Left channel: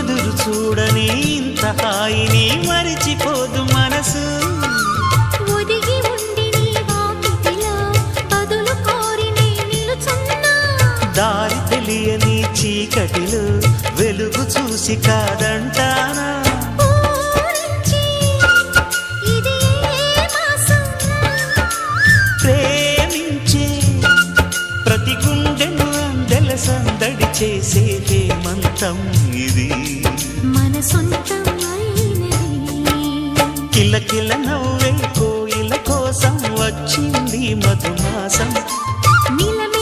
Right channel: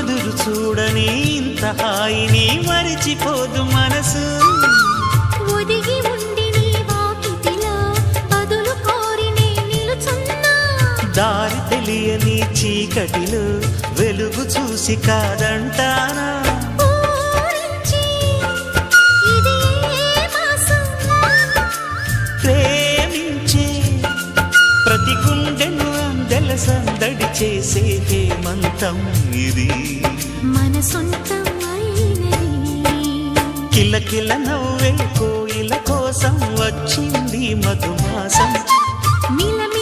ఎదురు చూడని ఇంత హాయిని మరిచిపోదు మనసు. ఒదిగి ఉండి నీ వాకిటిలో బదులు కోరి నే నిలుచున్నా. దారి తెలియని చీకటిలో వెలుగు చూసి కాదంటానా. ఊరించి ఇది ఏ మాసం? ప్రేమించే ప్రతి గుండెను అందెల సందడి చేసే హేమంతం ఇది. మన సొంతం అయినది. కిలకిల నవ్వే కోయిల కోసం వచ్చింది మధుమాసం. మిలమి